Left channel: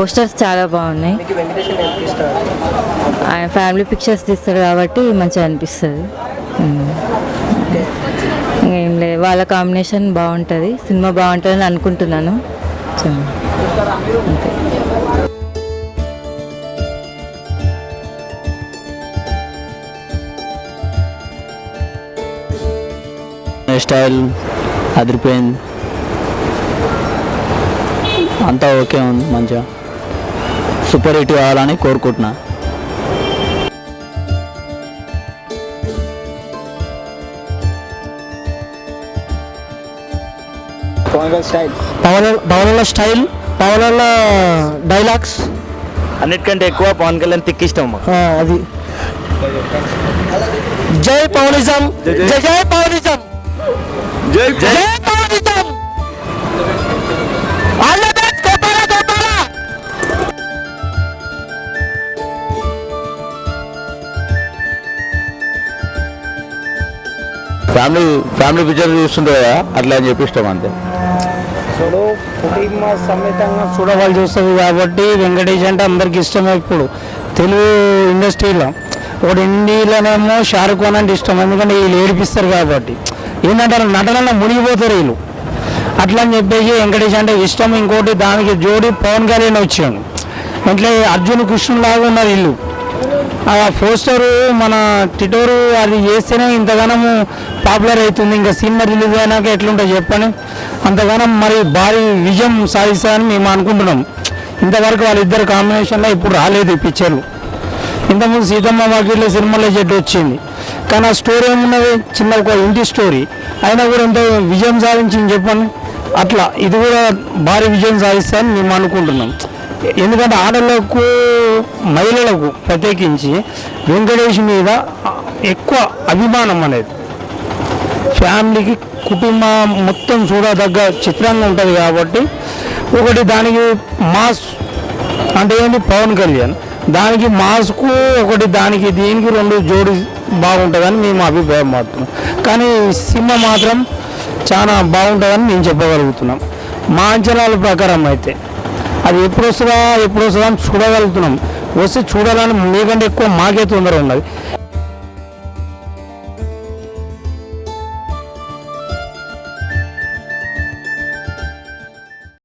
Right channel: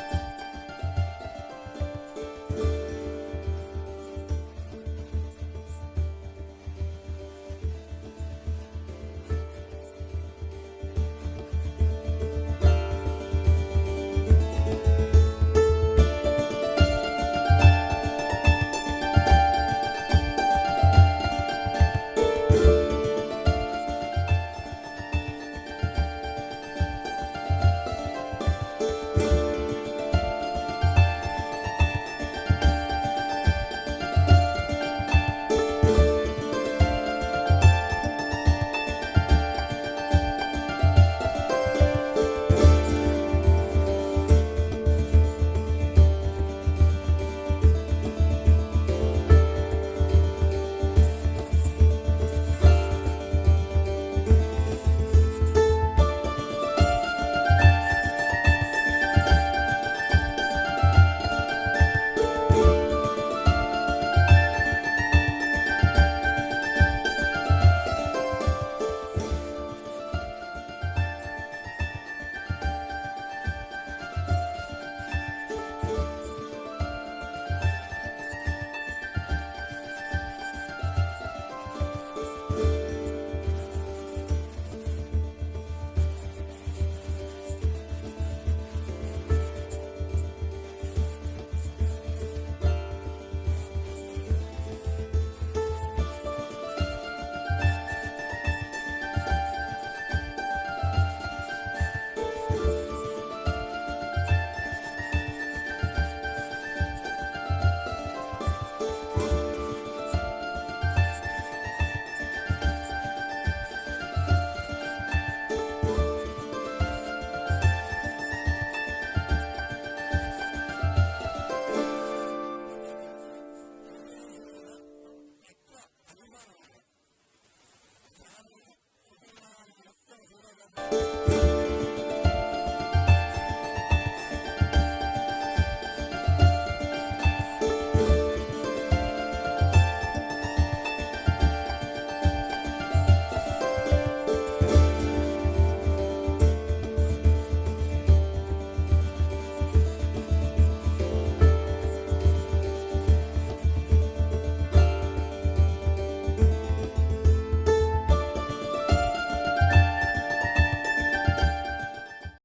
Posters చాలా బాగున్నాయి. ఆయన ఫ్యామిలీ పిక్చర్స్ తీస్తాడు కాబట్టి మంచిగా అనిపిస్తుంది. ఏం లేదు, వాళ్ళ కాంబినేషన్ బాగుంటుంది, సినిమా బాగుంటుందని అనుకుంటున్నాను. స్టైల్ అదిరిపోయింది, అంతా ఓకే ఉంది, మంచిగా సూపర్ హిట్ కావాలని కోరుకుంటున్నా. పవన్ స్టైల్, పవన్ డైలాగ్స్ అన్నిటికంటే ఎక్కువ పవన్ కళ్యాణ్ తిక్కి ఇష్టం. అది జై పవనిజం, జై జై పవనిజం, జై జై పవనిజం. ఫ్యామిలీ పిక్చర్ చూస్తుంటే కదా అట్లా అని చెప్పి ఇష్టం అంతే. ఇప్పుడు కుటుంబ సమేతంగా చూడవాళ్ళు చూస్తుంది కాబట్టి వెంకటేష్ అంటే అందరికి ఇష్టమే. ఇప్పుడు తెలుగు ఇండస్ట్రీలో ఒకటి హిందీలోనేమో షారుఖ్ ఖాన్ అంటే ఇష్టం, ఎందుకంటే వీళ్ళు ఏడిపిస్తారు కాబట్టి. ఏంటంటే నటనలో మునిగిపోతారు వీళ్ళు, అట్లా అని చెప్పేసి వెంకటేష్ అంటే ఇష్టం. ఇంకోటి దానికి జోడి పవన్ కళ్యాణ్ వచ్చాడు, అంటే అర్జున్ కృష్ణుడు లాగా ఉన్నారు వీళ్ళు. ఆ పోస్టరు మన టిటోరు అది చేస్తేనే ఇంతగానము పాపులర్ అవుతుంది. ఇంకా సినిమా రిలీజ్ అయినాక ఎట్లుంటుంది చెప్పని, అంతగానం మరి భారీ విజయం సాధిస్తారని మేము అనుకుంటున్నాం. ఇంతవరకు వాళ్ళిద్దరు కాంబినేషన్లో ఇప్పుడు రాలేదు ఈ పిక్చర్లు. ఇంతకుముందు సీతమ్మ వాకిట్లో సినిమాలో చెట్టు వచ్చింది, కానీ ఆ స్టోరీ ఏమున్నది, చిన్న ఒక ఇంటి స్టోరీ అయినా కూడా ఎంత విజయం సాధించింది చెప్పండి. అట్లా ఇది కూడా భారీ విజయం సాధిస్తారని మేము అనుకుంటున్నాం. ఎందుకంటే ఆడలకు మహిళలకు ప్రత్యేకించి వెంకటేష్ మీద ఎక్కువ అభిమానం అనేది, ఫ్యామిలీకి కుటుంబం మొత్తం చూడదగ్గ చిత్రంగా ఉంటుంది కాబట్టి. ఒకటి దానికి మాస్ అంటే ఏంటి పవన్ కళ్యాణ్, దానికి మాస్కు ఒకటి దానికి దీనికి రెండు జోడి బాగుంటుందని మేము అభిప్రాయం పడుతున్నాం. కానీ సినిమా మాత్రం చాలా బాగుంటుందని మేము చెప్పగలుగుతున్నాం. మా అంచనాల ప్రకారం అయితే అది ఎప్పుడు వస్తుందా అని చూడగలుగుతున్నాం. వస్తే చూడాలని మీకంటే ఎక్కువ మాకే తొందర ఉన్నది.